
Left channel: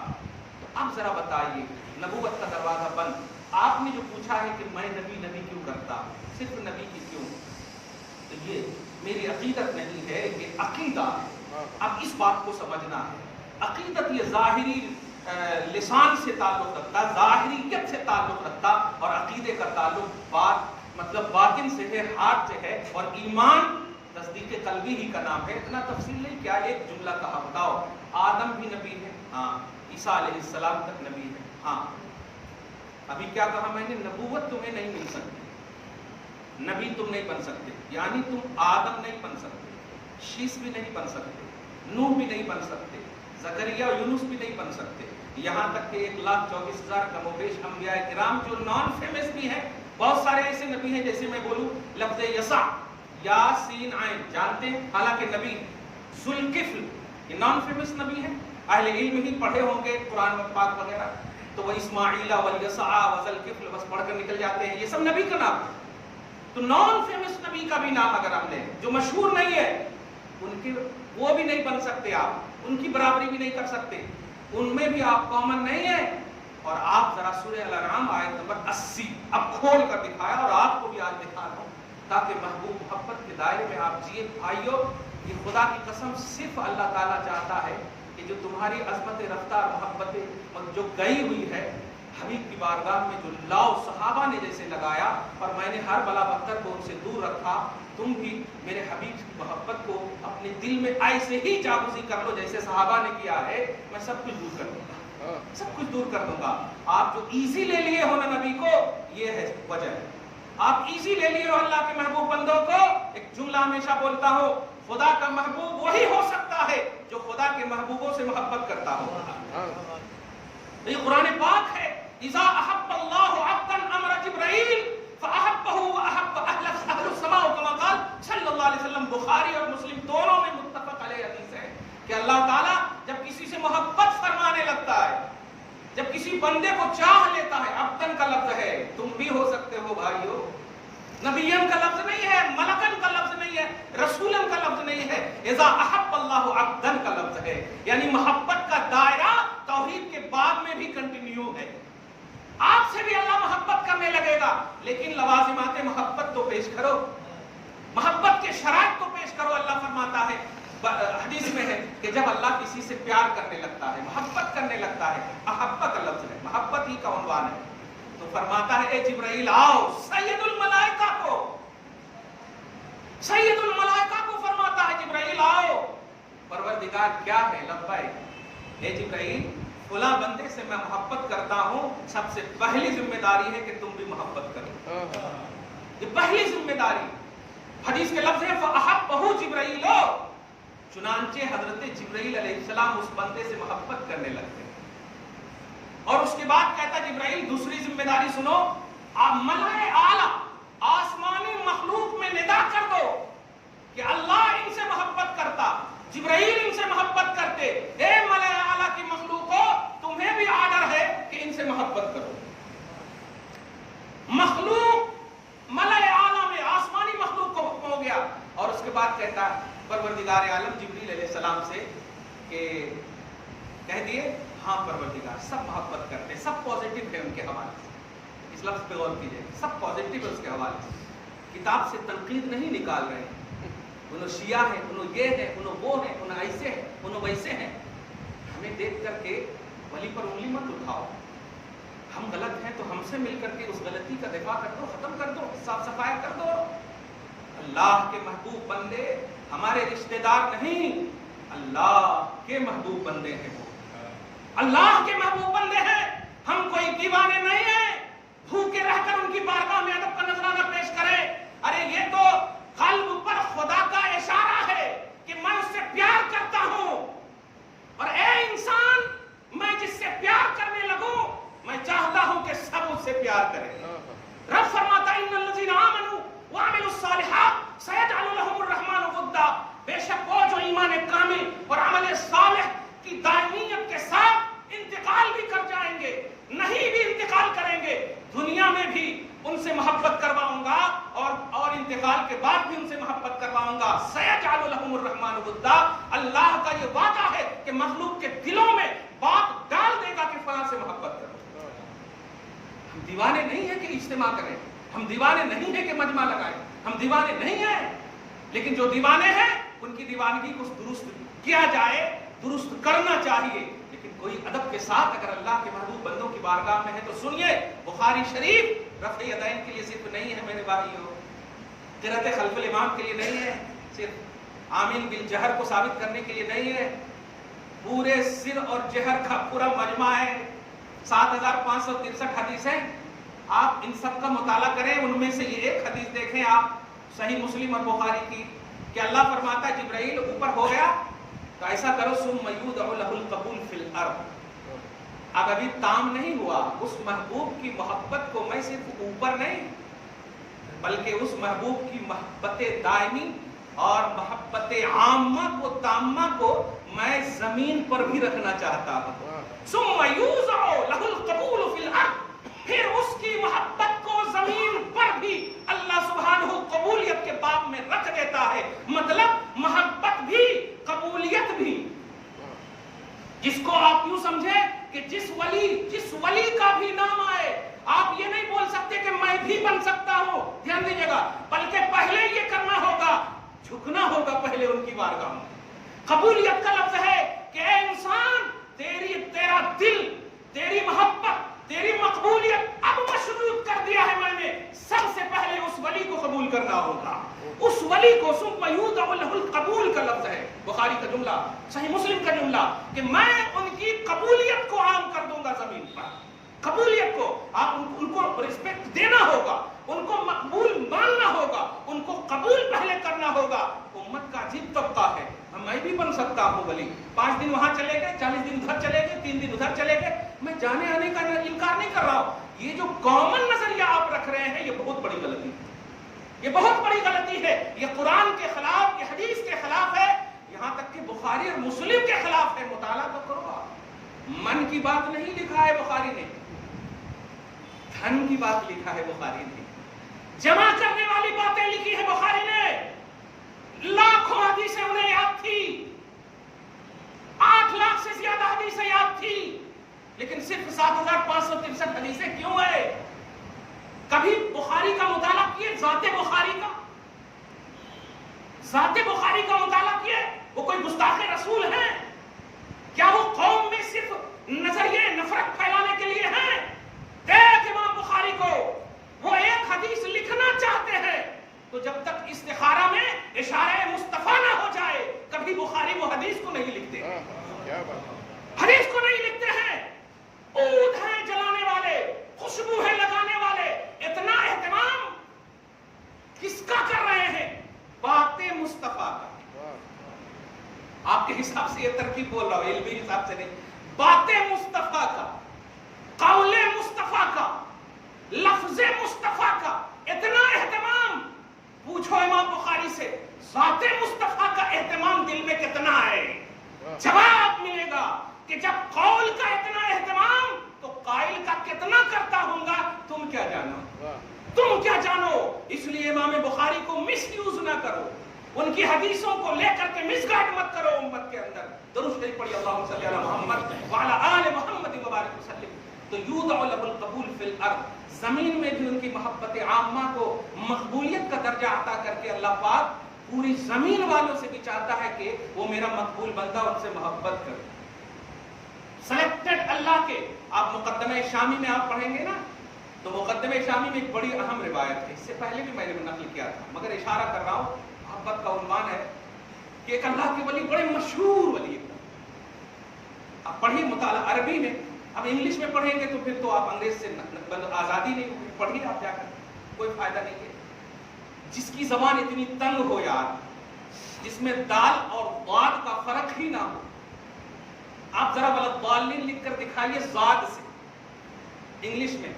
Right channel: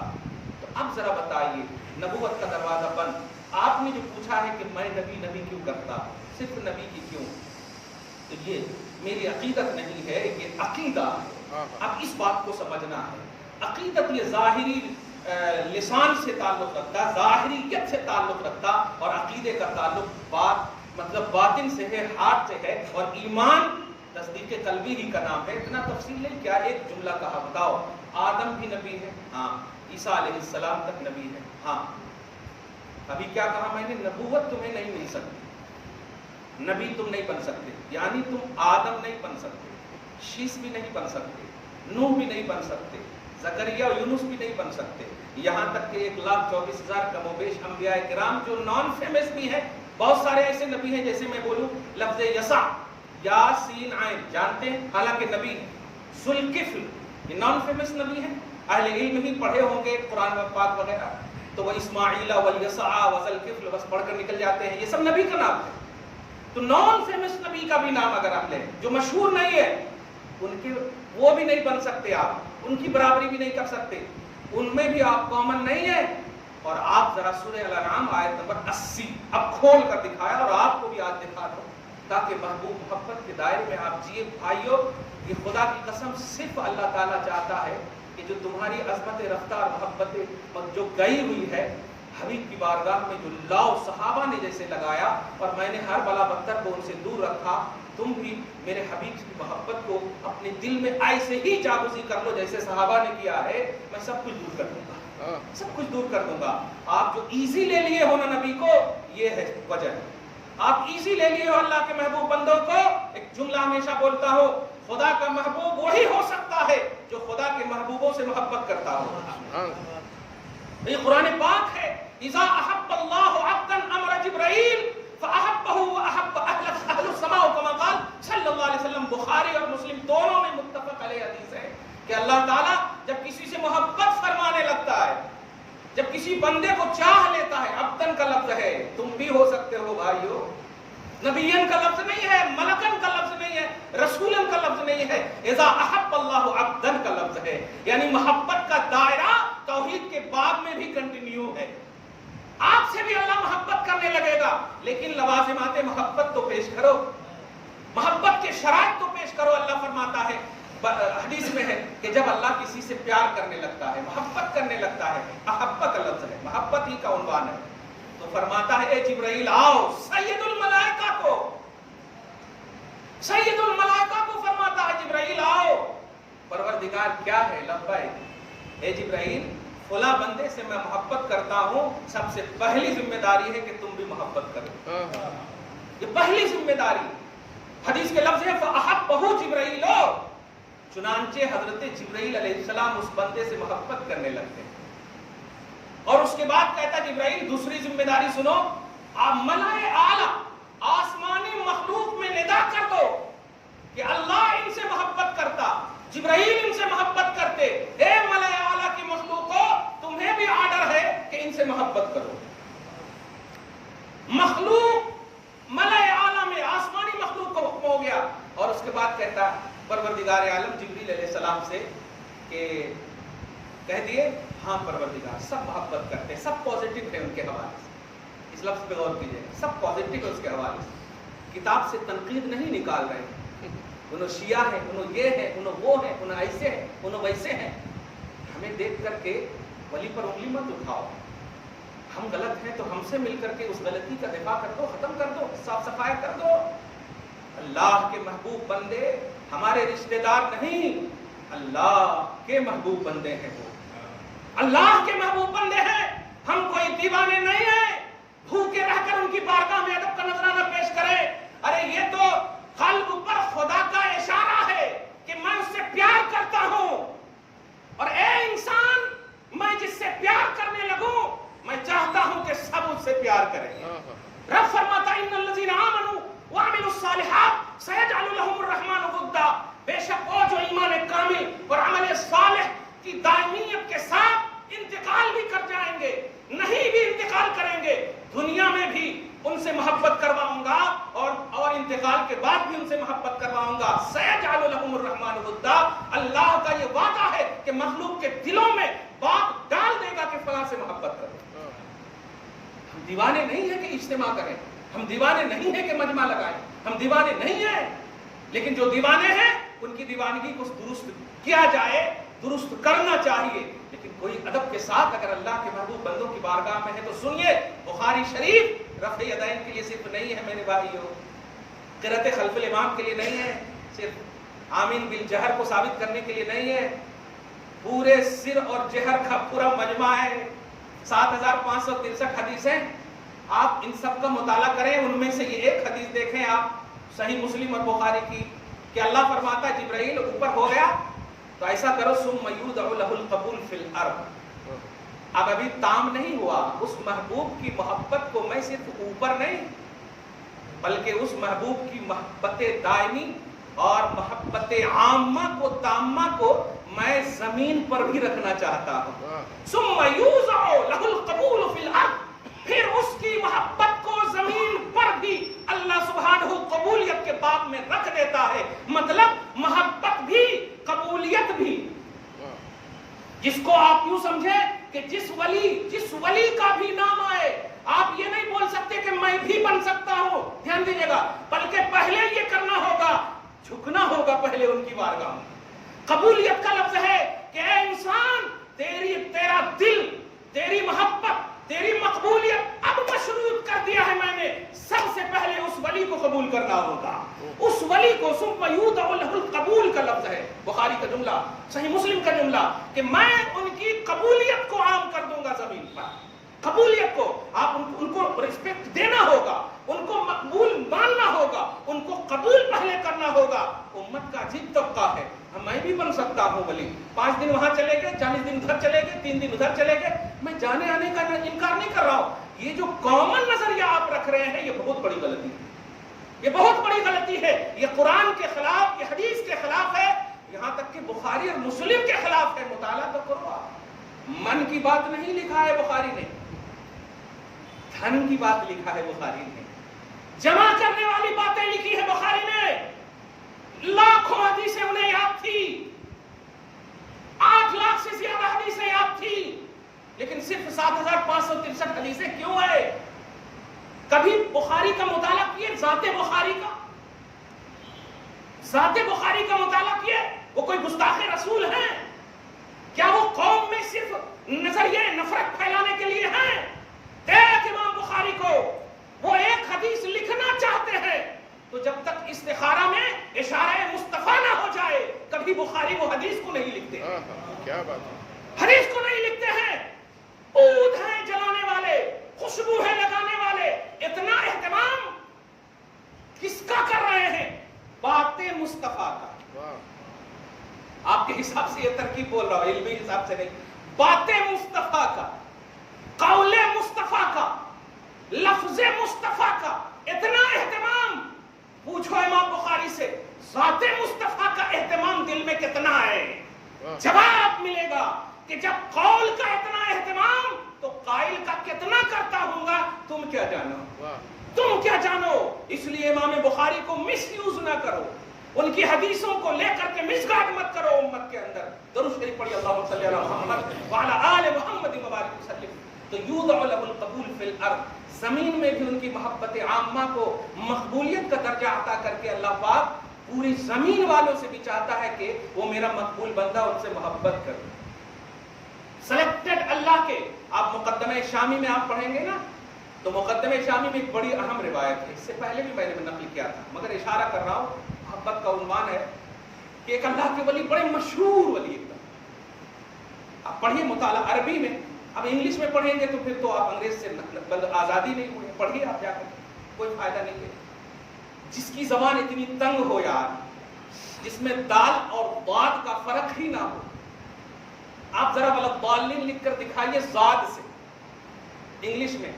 تو اب ذرا بتائیے نبوت کا دروازہ بند. آپ نے جو پوچھا ہے کہ میں نبی کیوں کرتا، صرف نبی کی کیوں، تو یہ میری عقیدت نہیں ہے، یہ عقیدہ ہے. اب اس بات کو سمجھنا ہے، عقیدت یہ ظاہری لسان سے تعلق رکھتا، ظاہریت سے تعلق رکھتا، اور عقیدے کا تعلق مطلب باطن سے ہے، ہارٹ سے ہے، اور ایمان تصدیق قلبی ہی کا نام ہے۔ اتنا تفصیل نہیں، کیا ایک جملہ کہا بتاؤ، آدم بھی نبی ہے، ہاں، عیسیٰ علیہ السلام تک نبی ہے، ہاں، ابھی کیا کہا میں نے، نبوت تمہیں نہیں مل سکتی، نبی تم نہیں بن سکتے، یعنی تم آدم نہیں بن سکتے، شیس بھی نہیں بن سکتے، نوح بھی نہیں بن سکتے، زکریا اور یونس بھی نہیں بن سکتے، یہاں تک کہ 1,24,000 کم و بیش انبیاء کرام جو نان فیمس بھی ہیں، بہت سارے ایسے نبی ہیں، جیسے میں بولوں لفظ یسع، یا سین عین، جانتے ہیں حالانکہ نبی، ذوالکفل یہ نان فیمس نبی ہیں، اہل علم ہی پڑھے ہوں گے قرآن و پاک وغیرہ، تو وہ اسماعیل والیسع وذوالکفل بس پڑھ کر نکل جاتے ہیں، یہ سب نبی کا نام ہے۔ تو نان فیمس نبی کا بھی نام اگر ہم لیں جو مشہور نہیں ہے، ان کے وہ بھی نہیں بن سکتے، آپ ان کی برابری بھی نہیں کر سکتے، ان میں بھی آپ کامن نہیں ہیں۔ اور آپ ذرا سورہ الانعام آیت نمبر 80 اب کھول کر دکھایا، اور آپ کو بھی آج دکھا رہا ہوں تاکہ محبوب محبت کے دائرے میں آپ جیے۔ بھائیو، یہ خدا کی قسم صرف اللہ تعالیٰ چاہتا ہے کہ جو تمہاری عظمت رفتار محبت جو گئی ہوئی ہے حبیب کی بارگاہ میں، جو لاؤ صحابہ نے جیسے لگایا، اور میں نے ہر بلا بدتر کو ان سے دور رکھا، تم بھی میرے حبیب کی محبت کو اپنے دل میں ایسے ہی جاگزی کر لو جیسے صحابہ نے کیا ہے، میں سب کچھ دور کر دوں گا، سب کچھ دور کر دوں گا۔ آپ جو ایزی لے لیے ہو نا نبی کو، یہ ہے وجہ، آپ ایزی لے لیے ہو اللہ کے محبوب بندوں کو۔ ایک جملہ ہمیشہ بولتا ہو، خدا کا محبوب وہی ہو سکتا ہے جو خدا کے محبوبوں سے محبت کرتا ہو۔ یہ قرآن پاک ہے، اذا احب اللہ عبدا امر جبرائیل فاحبہ واحب اہل السماء، کما قال صلی اللہ علیہ وسلم۔ بخاری اور مسلم دونوں میں متفق علیہ حدیث ہے کہ اللہ تعالیٰ جب کسی سے محبت فرمانے لگتا ہے، جب کسی بندے کو چاہ لیتا ہے، عبدن کا لفظ ہے، تم بھی ہو سکتے ہو بھائیو، نبیین کا لفظ نہیں ہے، ملکن کا لفظ نہیں ہے، رسولن کا لفظ نہیں ہے، اذا احب اللہ عبدن کا لفظ ہے، یعنی محبت کا دائرہ توحید کے بعد میں بھی کنٹینیو ہے۔ آپ سے بھی اللہ محبت کرنے لگے گا، لیکن لوازمات محبت تو پیش کرو، محبت کے شرائط تو پیش کرو۔ اللہ فرماتا ہے، حدیث میں ہے کہ جب اللہ کسی سے پیار کرنے لگتا ہے، محبت کرنے لگتا ہے، احبت کا لفظ ہے، محبت ہی کا عنوان ہے، تو فرماتا ہے اے جبرائیل آؤ، سید الملائکہ کو، سید الملائکہ کو فرماتا ہے جبرائیل آؤ۔ پروردگار کیا ہے؟ لبیک، اے جبرائیل فلاں بندے سے میں محبت کرتا ہوں، سب سے پہلی ذمہ داری ہے کہ تم بھی محبت کرو، یہ پہلی ذمہ داری۔ حدیث کے لفظ ہے فَأَحَبَّهُ جِبْرَائِیلُ، چنانچہ حضرت جبرائیل علیہ السلام اس بندے سے محبت کرنے لگتے ہیں، اور اس کے بعد کہتا جبرائیل دوسری ذمہ داری سنو، ملائے اعلیٰ آسمانی مخلوق میں ندا کر دو کہ اللہ ان سے محبت کرتا، جبرائیل ان سے محبت کرتے، اے ملائے اعلیٰ کی مخلوقو تمہیں بھی آرڈر ہے کہ ان سے محبت کرو۔ مخلوق ملائے اعلیٰ میں آسمانی مخلوق کو حکم ہو گیا، اور اس کے بعد کہتا ہے پروردگار عالم جبریل علیہ السلام سے کہ کہہ دیے ہاں پروردگار، سب محبت کرتے ہیں، سب پازیٹیو ہے ان کے حوالے سے، اس لفظ پہ غور کیجئے، سب پازیٹیو ہے اس کے حوالے سے، کتاب سے تنقید نہیں نکال رہے ہیں، انہوں شیعہ ہیں، انہوں یہ ہیں، انہوں وہ ہیں، انہوں ایسے ہیں، انہوں ویسے ہیں۔ ہمیں دیکھ کر کے ولی پر انگلی مت اٹھاؤ، ہم غلط ہیں تو ہم سے مل کر کے اس غلطی کا دفاع کر دو، ختم کر دو، صاف صفائی کر دو۔ اللہ کے محبوب بندے ہمارے رشتہ دار نہیں، اللہ کے محبوب بندے ہیں، وہ اللہ کے محبوب بندے ہیں، ہم کوئی دیوانے نہیں ہیں بھوکے رہ کر ان کی بارگاہ میں ادب کا نذرانہ پیش کریں۔ ارے یہ تو قلب پر خدا کا اشارہ ہے کہ میں اس سے پیار کرتا ہوں، اور اے انسان میں جس سے پیار کرنے لگوں میں چاہتا ہوں کہ سب اس سے پیار کریں۔ رب فرماتا ہے ان الذین آمنوا وعملوا الصالحات سيجعل لهم الرحمن ودا، بے شک وہ جو ایمان کامل اور عمل صالح کی دائمیت کے ساتھ انتقال بھی کر جائیں گے، نہیں بھی انتقال کریں گے، دنیا میں بھی ان سے محبت کرواؤں گا اور انتقال کے بعد بھی ان سے محبت کرواؤں گا۔ سيجعل لهم الرحمن ودا، اللہ کا یہ وعدہ ہے کہ مخلوق کے دلوں میں بات ڈال دے گا کہ فلاں سے محبت کرو۔ ہم دیوانے نہیں ہیں کہ اجتماع کریں، ہم دیوانے نہیں ہیں کہ مجمع لگائیں، ہم دیوانے نہیں ہیں، لیکن جو دیوانے ہیں ان کی دیوانگی کو درست کیا جائے، درست کرنا چاہیے، لیکن کوئی ادب کے ساتھ اگر اللہ کے محبوب بندوں کی بارگاہ میں ہے تو سنیے، بخاری شریف رفع یدین کے لیے صرف نہیں ہے میرے بھائیو، قرأت خلف الامام کے لیے نہیں ہے، صرف آمین بالجہر کو ثابت کرنے کے لیے نہیں ہے، پورے سر اور جہر کا پورا مجمع ہے، 7563 حدیثیں، آپ ان سب کا مطالعہ کریں، ان میں سے یہ ایک حدیث دیکھیں آپ صحیح مسلم اور بخاری کی، کہ اللہ فرماتا ہے جبرائیل اوپر ہو گیا تو ایسا کرو ثم یودع لہ القبول فی الارض، اب ابھی تام نہیں ہوا، اس محبوب کی محبت کو میں صرف اوپر نہیں بلکہ اس محبوب کی محبت دائمی اور محبت عامہ کو تامہ کو میں زمین پر بھی رکھنا چاہتا ہوں، ثم یوضع لہ القبول فی الارض، پھر اس کی محبت کو زمین پر بھی اللہ سبحانہ قبولیت کے باب میں رکھ دیتا ہے، مطلب محبت بھی قبولیت بھی، جس کو آپ یوں سمجھے کہ جس ولی کا بھی نام آئے، آپ یہ نہیں بول سکتے کہ میں بھی بن سکتا ہوں، دھیان دیجیے گا، بلکہ پہلے یہ کرنا ہوگا، جھکنا ہوگا پہلے ان کی بارگاہ میں۔ قبولیت کا لفظ ہے کہ اے انسان، تیرا دل، تیری محبت، تیری مقبولیت اب مشروط کر دیا ہے میں نے، سب سے پہلے اس ولی کو قبول کرنا ہوگا، اس ولی کو، ثم یودع لہ القبول کا لفظ ہے، بخاری کا جملہ، صحیح مسلم کا جملہ، کہ میں ان کی قبولیت کو عام کر دوں گا زمین پر، قبولیت کو، آپ ان کو رسپیکٹ دینا ہوگا، ان کو مقبول ماننا ہوگا، ان کو قبول پہلے کرنا ہوگا۔ امت کا عجیب طبقہ ہے، میں بھی بن سکتا ہوں ولی، 5 دن وہاں چلے گئے، 40 دن ادھر چلے گئے، 3 دن ادھر چلے گئے، میں جانے آنے کا انکار نہیں کر رہا ہوں، یہ جو کامن نظریہ آپ رکھ رہے ہیں یہ بہت بڑی غلطی ہے، یہ بہت بڑی غلطی ہے، یہ قرآن کے خلاف، یہ حدیث کے خلاف ہے، یہاں تک کہ بخاری اور مسلم کے خلاف ہے، مطالعہ تو کرو آپ، من کی بات نہیں لکھا ہے بخاری نے، دھن کی بات لکھا ہے بخاری نے، جمع کرنے والی باتیں لکھی ہے بخاری نے، لاکھوں حدیثیں انہیں یاد تھی، 8 لاکھ سے زیادہ حدیثیں یاد تھی، لیکن صرف 7563 حدیثیں کیوں ہے؟ کبھی بخاری کا مطالعہ کیے، ذات بخاری کا مطالعہ کیے؟ وہ کوئی گستاخ رسول ہیں؟ کیا وہ قوم میں صرف نظریے نفرت پھیلانے کے لیے ہیں؟ ایک امام بخاری کو وہ ایک حدیث لکھنا چاہتے ہیں تو جب تک استخارہ میں اشارہ مصطفیٰ نہ ہو جائے کبھی بخاری وہ حدیث کو نہیں لکھتے، کیا بات، حدیث کو نہیں لکھتے ہیں، عود ہیں جلانے والے، خوشبو ہے لگانے والے، اتنا اہتمام کس کا کر رہے ہیں؟ بات مصطفیٰ کا۔ آپ کے حساب سے یہ ترکیب بول رہا ہوں، علمی حساب سے نہیں، بات مصطفیٰ کا، قول مصطفیٰ کا، لفظ مصطفیٰ کا اتنا اہتمام، پوچھو امام بخاری سے ذات مصطفیٰ کا اہتمام دل میں کتنا ہے؟ جواب ملے گا کہ جب قول کا اتنا اہتمام تو قائل کا کتنا کرتا ہوں گا، تم کیا جانو، تم کیا جانو۔ اس لیے امام بخاری کو مس یوز نہ کرو، ان کی حدیثوں کو لے کر کے مس گائیڈ مت کرو امت کے اندر۔ درود شریف پڑھی، اللہم صلی علی محمد وعلی آل محمد وبارک وسلم۔ تو یودع لہ القبول فی الارض، زمین میں بھی ان کی محبت عامہ کو مقبولیت کا درجہ عطا کر کے اللہ پاک پوری زمین والوں سے بھی چاہتا ہے کہ وہ میرا مقبول بندہ ان سے محبت کرے۔ سلیکٹڈ اللہ کے، آپ مقدمہ شامی میں آپ پڑھیں گے نا تو مقدمہ شامی میں ایک بڑی اہم روایت ہے، اس سے پہلے بھی میں نے نقل کیا تھا مگر اشارہ کر رہا ہوں، محبت کا عنوان ہے کہ ایک اللہ کے ولی، بڑے مشہور ولی، ایک دم آپ پڑھیے مطالعہ عربی میں، اب انگلش میں پڑھیں گے تو پھر تو آپ انگریز سے آزادی نہیں ہوئی، پڑھیے آپ جا کر، کوئی فائدہ نہیں ہے، جس کی زبان اتنی تنگ ہو یار، جس میں دال اور ضاد کا فرق ہی نہ ہو، آپ ذرا ولضالین لکھ کر دکھائیے ضاد سے، انگلش میں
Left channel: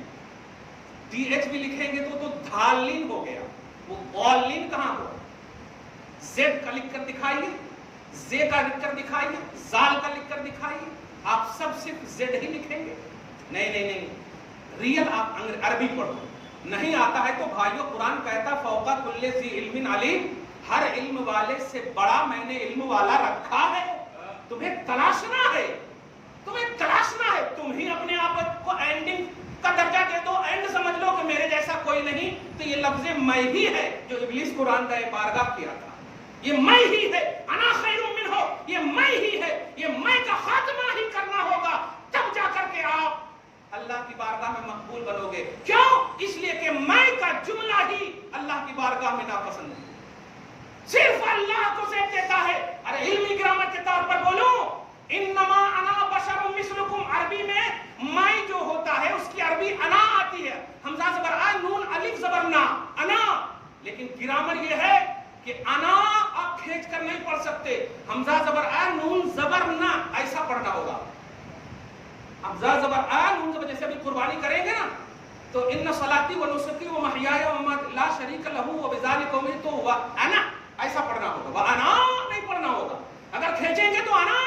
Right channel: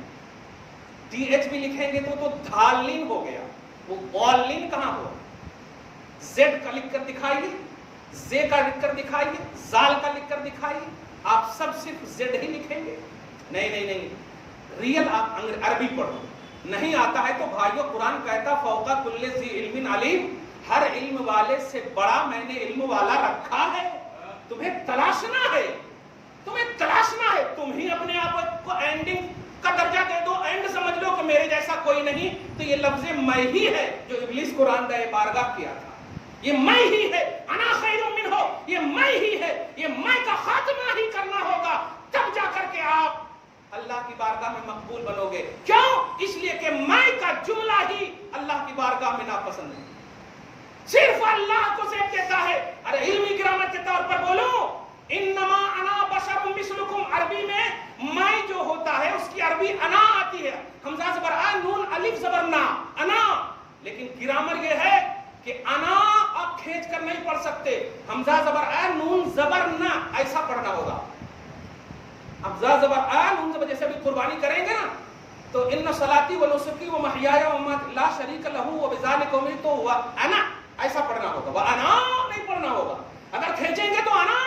ڈی ایچ بھی لکھیں گے تو دھالین ہو گیا، وہ ضالین کہاں ہوا، زیڈ کا لکھ کر دکھائیے، زے کا لکھ کر دکھائیے، زال کا لکھ کر دکھائیے، آپ سب صرف زیڈ ہی لکھیں گے؟ نہیں نہیں نہیں، ریئل آپ عربی پڑھو، نہیں آتا ہے تو بھائیو قرآن کہتا فوق کل ذی علم علیم، ہر علم والے سے بڑا میں نے علم والا رکھا ہے، تمہیں تلاشنا ہے، تمہیں تلاشنا ہے، تم ہی اپنے آپ کو اینڈنگ کا درجہ دے دو، اینڈ سمجھ لو کہ میرے جیسا کوئی نہیں، تو یہ لفظ میں ہی ہے جو ابلیس قرآن دہ بارگاہ کیا تھا، یہ میں ہی ہے، انا خیر منہ، یہ میں ہی ہے، یہ میں کا خاتمہ ہی کرنا ہوگا، تب جا کر کے آپ اللہ کی بارگاہ میں مقبول بنو گے۔ کیوں؟ اس لیے کہ میں کا جملہ ہی اللہ کی بارگاہ میں ناپسند ہے، صرف اللہ کو زیب دیتا ہے۔ ارے علمی گرامر کے طور پر بولوں، انما انا بشر مثلکم، عربی میں جو ہوتا ہے اس کی عربی انا آتی ہے، حمزہ زبر آ، نون الف زبر نا، انا۔ لیکن گرامر یہ ہے کہ انا آپ کھینچ کر نہیں پڑھ سکتے، حمزہ زبر آ نون زبر نا، ایسا پڑھنا ہوگا۔ حمزہ زبر آ نون زبر، جیسے ابھی قربانی کریں گے نا تو ان صلاتی و نسکی و محیای و مماتی لا شریک لہ و بذالک امرت، تو ہوا انا، ایسا پڑھنا ہوگا، وہ انا نہیں پڑھنا ہوگا۔ اگر کھینچیں گے تو انا،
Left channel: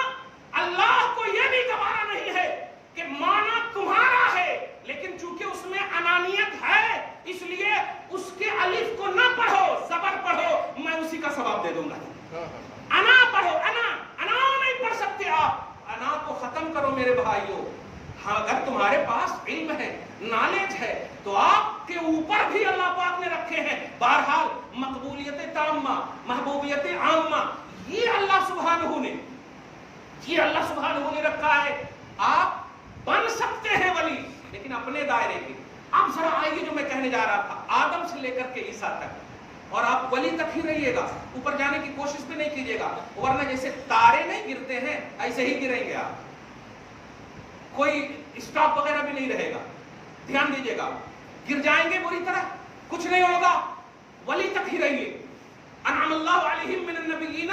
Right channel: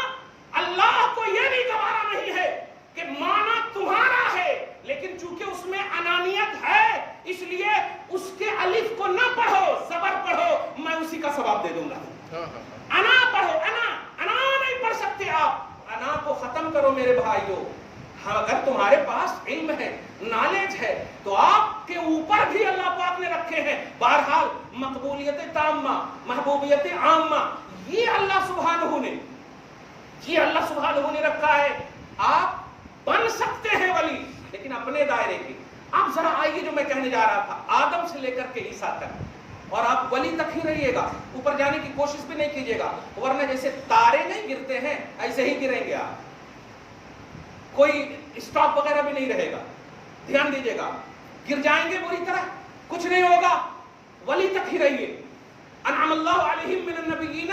اللہ کو یہ بھی گوارا نہیں ہے کہ مانا تمہارا ہے، لیکن چونکہ اس میں انانیت ہے اس لیے اس کے الف کو نہ پڑھو، زبر پڑھو، میں اسی کا ثواب دے دوں گا۔ انا پڑھو، انا نہیں پڑھ سکتے آپ، انا کو ختم کرو میرے بھائیوں۔ اگر تمہارے پاس علم ہے، نالج ہے، تو آپ کے اوپر بھی اللہ پاک نے رکھے ہیں۔ بہرحال مقبولیت تامہ، محبوبیت عامہ، یہ اللہ سبحانہ نے رکھا ہے۔ آپ بن سکتے ہیں ولی، لیکن اپنے دائرے کی۔ اب ذرا آئیے جو میں کہنے جا رہا تھا، آدم سے لے کر کے عیسیٰ تک، اور آپ ولی تک ہی رہیے گا، اوپر جانے کی کوشش بھی نہیں کیجیے گا، ورنہ جیسے تارے نہیں گرتے ہیں ایسے ہی گریں گے آپ، کوئی اسٹاپ وغیرہ بھی نہیں رہے گا۔ دھیان دیجیے گا، گر جائیں گے بری طرح، کچھ نہیں ہوگا، ولی تک ہی رہیے۔ انعم اللہ علیہم من النبیین،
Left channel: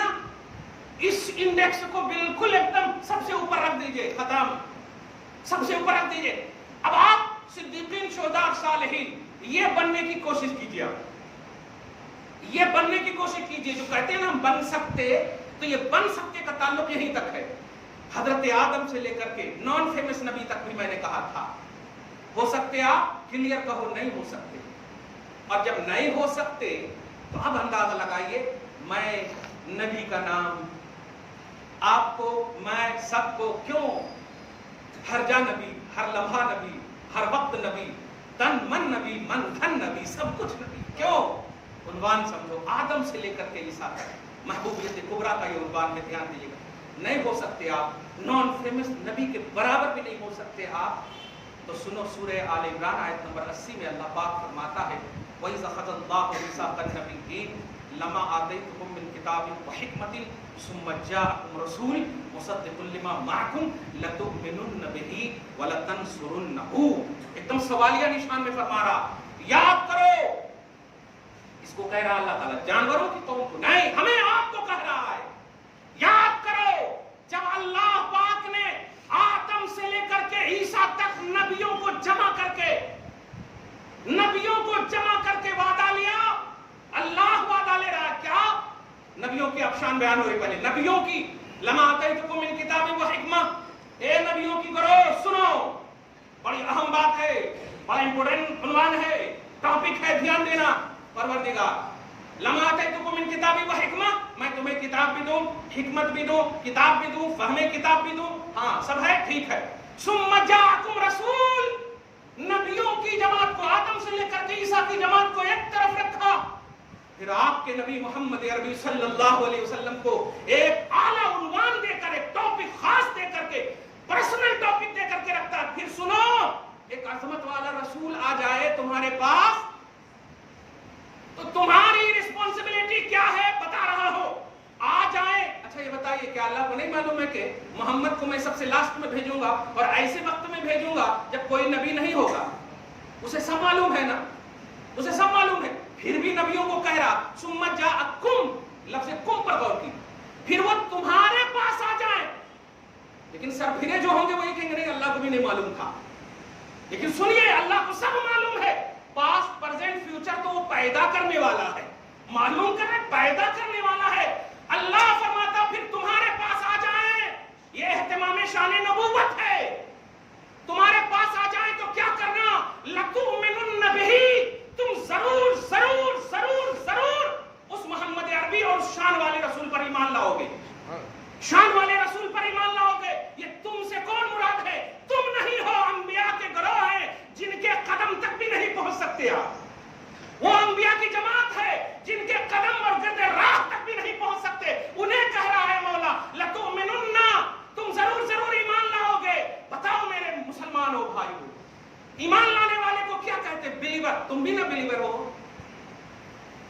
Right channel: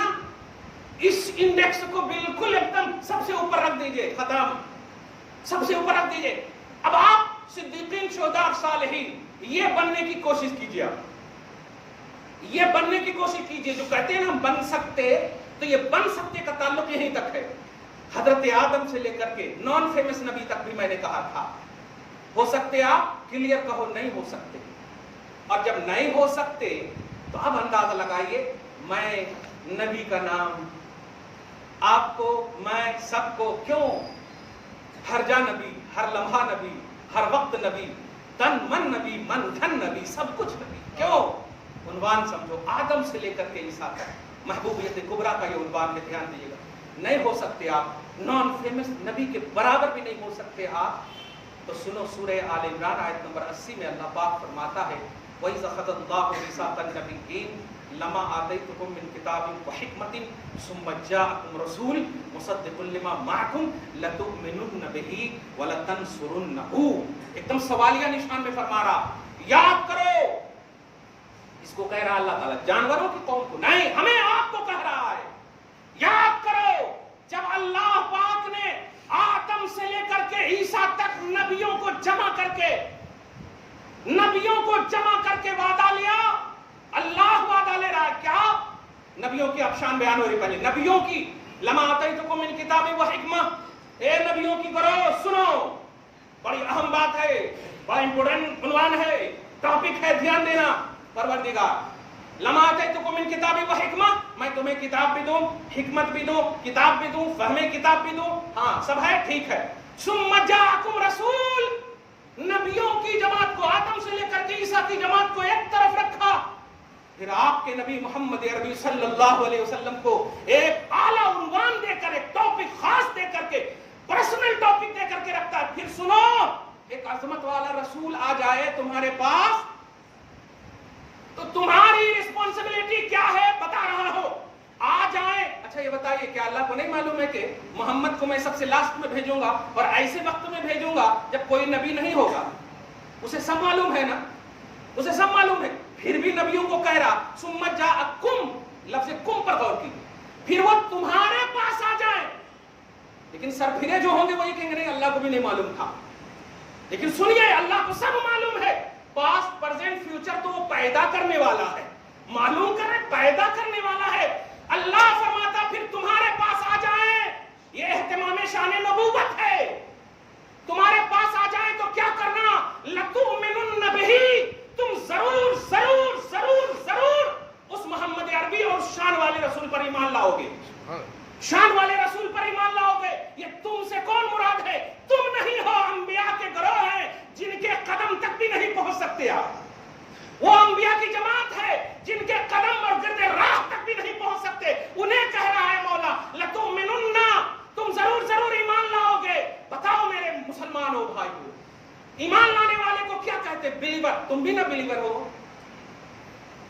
اس انڈیکس کو بالکل ایک دم سب سے اوپر رکھ دیجئے، ختم، سب سے اوپر رکھ دیجئے۔ اب آپ صدیقین، شہداء، صالحین، یہ بننے کی کوشش کیجئے، یہ بننے کی کوشش کیجئے۔ جو کہتے ہیں نا ہم بن سکتے، تو یہ بن سکتے کا تعلق یہیں تک ہے، حضرت آدم سے لے کر کے نان فیمس نبی تک بھی میں نے کہا تھا۔ ہو سکتے آپ کلیئر کہو نہیں ہو سکتے، اور جب نہیں ہو سکتے تو اب اندازہ لگائیے، میں نبی کا نام آپ کو، میں سب کو، کیوں ہر جا نبی، ہر لمحہ نبی، ہر وقت نبی، تن من نبی، من دھن نبی، سب کچھ نبی، کیوں؟ عنوان سمجھو، آدم سے لے کر کے عیسیٰ تک محبوبیت کبریٰ کا یہ عنوان میں، دھیان دیجیے گا۔ نہیں ہو سکتے آپ، نان فیمس نبی کے برابر بھی نہیں ہو سکتے آپ، تو سنو سورہ آل عمران آیت نمبر 80 میں اللہ پاک فرماتا ہے، وَإِذَا أَخَذَ اللَّهُ مِيثَاقَ النَّبِيِّينَ لَمَا آتَيْتُكُم مِّن كِتَابٍ وَحِكْمَةٍ ثُمَّ جَاءَكُمْ رَسُولٌ مُصَدِّقٌ لِّمَا مَعَكُمْ لَتُؤْمِنُنَّ بِهِ وَلَتَنصُرُنَّهُ، ایک دم سوالیہ نشان میں فرما رہا، یاد کرو، اس کو کہہ رہا اللہ تعالیٰ، جانوروں کی قوم کو نہیں، ہمیں آپ کو کہہ رہا ہے، یاد کرو جب اللہ پاک نے آدم سے لے کر کے عیسیٰ تک نبیوں کو جمع کر کے وعدہ لیا۔ اللہ وعدہ لے رہا ہے کیا؟ نبیوں کی افشان بیان ہو رہی، پہلے نبیوں کی، لما آتیتکم من کتاب و حکمہ، اے نبیوں کی کرو سنو، بڑی اہم بات ہے، بڑا امپورٹنٹ عنوان ہے، ٹاپک ہے، دھیان دینا۔ پروردگار، لما آتیتکم من کتاب و حکمہ، میں تمہیں کتاب بھی دوں، حکمت بھی دوں، کتاب بھی دوں، فہم کتاب بھی دوں، ہاں سب ہے، ٹھیک ہے۔ ثم جاءکم رسول، نبیوں کی جماعت کو، آدم سے لے کر کے عیسیٰ کی جماعت کو ایک طرف رکھا، پھر آپ کے نبی محمد عربی صلی اللہ علیہ وسلم کو ایک اعلیٰ عنوان دے کر، ایک ٹاپک خاص دے کر کے، پرسنل ٹاپک دے کر کے رکھتا ہے۔ پھر سنو، ایک عظمت والا رسول آ جائے تمہارے پاس تو تمہاری رسپانسبلٹی کیا ہے بتا رہا ہو، آ جائے۔ اچھا یہ بتائیے کہ اللہ کو نہیں معلوم ہے کہ محمد کو میں سب سے لاسٹ میں بھیجوں گا اور ایسے وقت میں بھیجوں گا جب کوئی نبی نہیں ہوگا؟ اسے سب معلوم ہے نا، اسے سب معلوم ہے، پھر بھی نبیوں کو کہہ رہا، ثم جاءکم، لفظ کم پر غور کی، پھر وہ تمہارے پاس آ جائیں۔ لیکن سر پھرے جو ہوں گے وہی کہیں گے نہیں اللہ کو بھی نہیں معلوم تھا، لیکن سنیے اللہ کو سب معلوم ہے، پاسٹ پریزنٹ فیوچر تو وہ پیدا کرنے والا ہے، معلوم کرے پیدا کرنے والا ہے۔ اللہ فرماتا پھر تمہارے پاس آ جائیں، یہ اہتمام شان نبوت ہے، تمہارے پاس آ جائیں تو کیا کرنا؟ لَتُؤْمِنُنَّ بِهِ، تم ضرور ضرور ضرور ضرور اس محمد عربی اور شان والے رسول پر ایمان لاؤ گے، شان والے رسول پر ایمان لاؤ گے۔ یہ تم سے کون مراد ہے؟ تم نہیں ہو، انبیاء کے گروہ ہیں جن کے قدم تک بھی نہیں پہنچ سکتے آپ، وہ انبیاء کی جماعت ہے جن کے قدم اور گرد راہ تک بھی نہیں پہنچ سکتے، انہیں کہہ رہا ہے مولا لَتُؤْمِنُنَّ، تم ضرور ایمان لاؤ گے۔ بتاؤ میرے مسلمانوں بھائیو، ایمان لانے والے کو کیا کہتے؟ بلیور۔ تم بھی نہ بلیور ہو،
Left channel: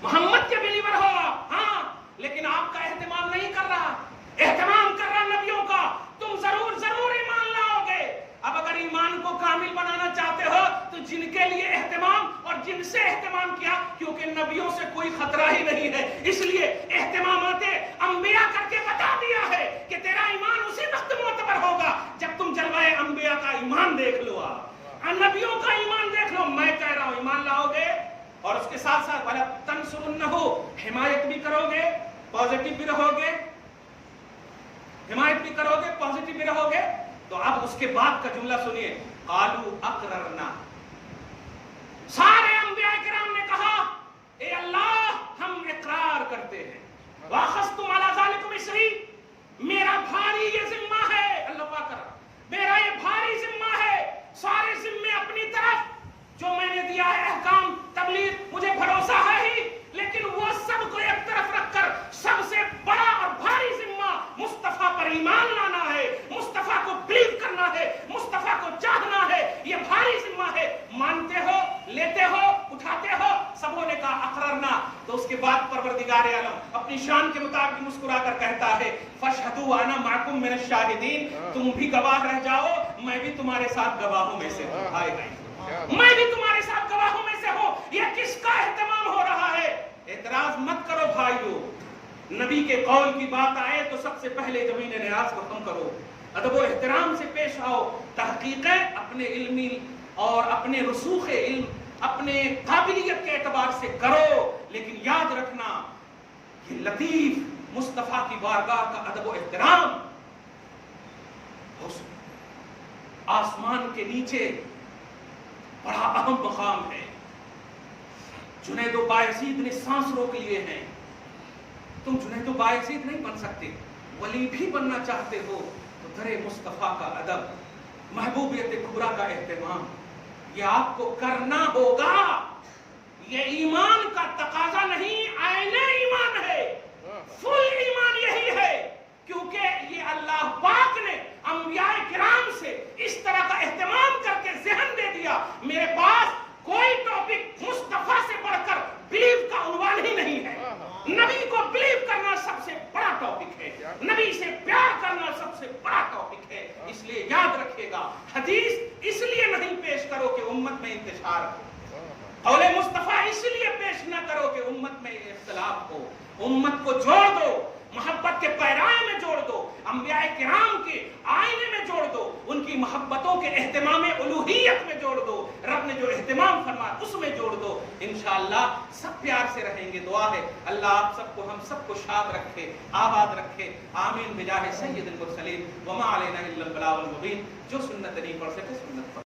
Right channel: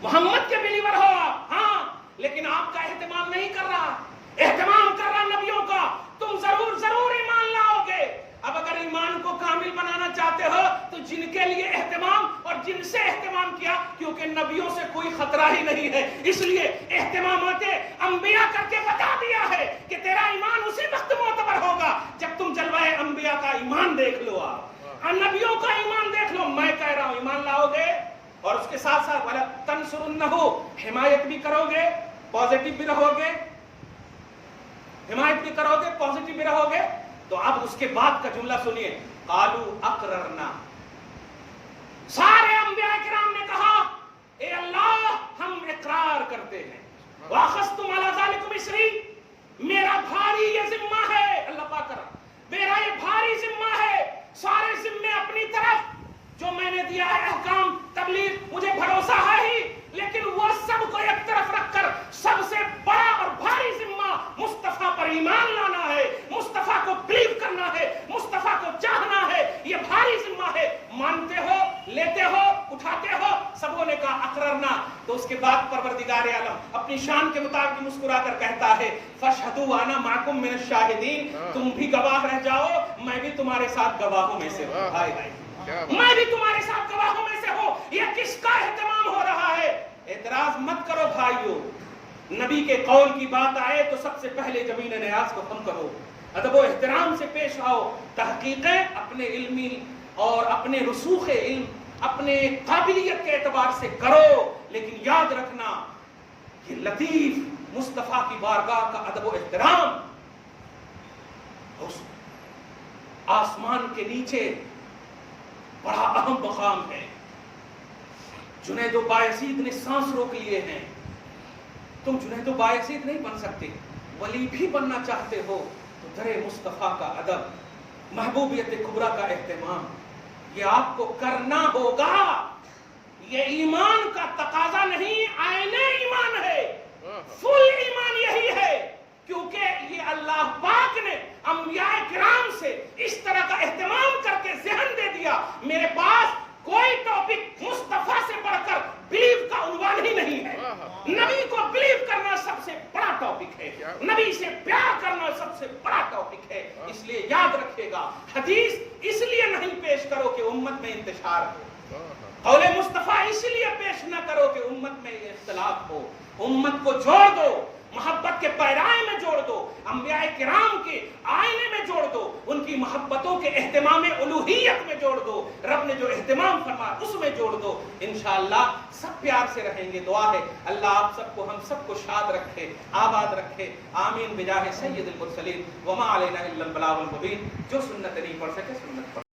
محمد کے بلیور ہو آپ، ہاں، لیکن آپ کا اہتمام نہیں کر رہا، اہتمام کر رہا نبیوں کا۔ تم ضرور ایمان لاؤ گے۔ اب اگر ایمان کو کامل بنانا چاہتے ہو تو جن کے لیے اہتمام اور جن سے اہتمام کیا، کیونکہ نبیوں سے کوئی خطرہ ہی نہیں ہے، اس لیے اہتمامات انبیاء کر کے بتا دیا ہے کہ تیرا ایمان اسی وقت معتبر ہوگا جب تم جلوہ انبیاء کا ایمان دیکھ لو، نبیوں کا ایمان دیکھ لو۔ میں کہہ رہا ہوں ایمان لاؤ گے، اور اس کے ساتھ ساتھ وَلَا تَنْصُرُنَّهُ، حمایت بھی کرو گے، پازیٹیو بھی رہو گے، حمایت بھی کرو گے، پازیٹیو بھی رہو گے۔ تو اب اس کے بعد کا جملہ سنیے، قَالُوا أَقْرَرْنَا، سارے انبیاء کرام نے کہا اے اللہ ہم اقرار کرتے ہیں، وَأَخَذْتُمْ عَلَى ذَلِكُمْ إِصْرِي، میرا بھاری یہ ذمہ ہے، اللہ پاک کر میرا یہ بھاری ذمہ ہے، سارے ذمے اپنی طرف، جو میں نے دیا ہے احکام تبلیغ مجھے بھروسہ ہے ہی، لیکن وہ سب کو ایک طرف رکھ کر سب سے بڑا اور بھاری ذمہ مصطفیٰ پر ایمان لانا ہے، مصطفیٰ کو بلیو کرنا ہے، مصطفیٰ کو چاہنا ہے، یہ بھاری ذمہ ہے۔ مانتے ہو، لیتے ہو، اٹھاتے ہو؟ سبوں نے کہا اقررنا۔ تو اس کے بعد پروردگار عالم اپنی شان کے مطابق مسکرا کر کہتا ہے فَاشْهَدُوا وَأَنَا مَعَكُمْ مِنَ الشَّاهِدِينَ، تم بھی گواہ رہ جاؤ، میں بھی تمہارے ساتھ گواہوں میں سے ہوں، میں بھی تمہارے ساتھ گواہوں میں سے ہوں۔ یہ کس کا اہتمام ہو رہا ہے؟ اعتراض مت کرو بھائیو، نبی کے قول کی بات آئے تو سب سے پہلے زمین نیاز کو کم کرو، ادب و احترام سے پیش آؤ، تحقیقیں اپنے علمی اور اپنے رسوخ علم، اپنے قابلیت کے اعتبار سے کرو، لیکن یاد رکھنا یہ لطیف مصطفیٰ کی بارگاہ کا ادب و احترام اس آسمان کے نیچے بڑا اہم مقام ہے۔ جنید و بایزید نے سانس روک لیے ہیں، تم جنید و بایزید نہیں بن سکتے، ولی بھی بننا چاہتے ہو تو در مصطفیٰ کا ادب، محبوبیت کبریٰ کا اہتمام، یہ آپ کو کرنا ہوگا۔ یہ ایمان کا تقاضا نہیں، عین ایمان ہے، فل ایمان یہی ہے، کیونکہ یہ اللہ پاک نے انبیاء کرام سے اس طرح کا اہتمام کر کے ذہن دے دیا، میرے پاس کوئی ٹاپک مصطفیٰ سے بڑھ کر بلیو کا عنوان ہی نہیں ہے۔ نبی کو بلیو کرنا سب سے بڑا ٹاپک ہے، نبی سے پیار کرنا سب سے بڑا ٹاپک ہے۔ اس لیے یاد رکھے گا، حدیث اس لیے نہیں پیش کرو کہ امت میں انتشار ہو، قول مصطفیٰ اس لیے پیش نہ کرو کہ امت میں اختلاف ہو، امت کو جوڑ دو، محبت کے پیرائے میں جوڑ دو، انبیاء کرام کے آئینے میں جوڑ دو، ان کی محبتوں کے اہتمام الوہیت میں جوڑ دو، رب نے جو اہتمام فرمایا اس میں جوڑ دو، انشاءاللہ سب پیار سے رہیں گے۔ دعا ہے اللہ آپ سب کو، ہم سب کو شاد رکھے، آباد رکھے، آمین بجاہ سید المرسلین، وما علینا الا البلاغ المبین۔ جو سنت نہیں پڑھ سکے سنت پڑھ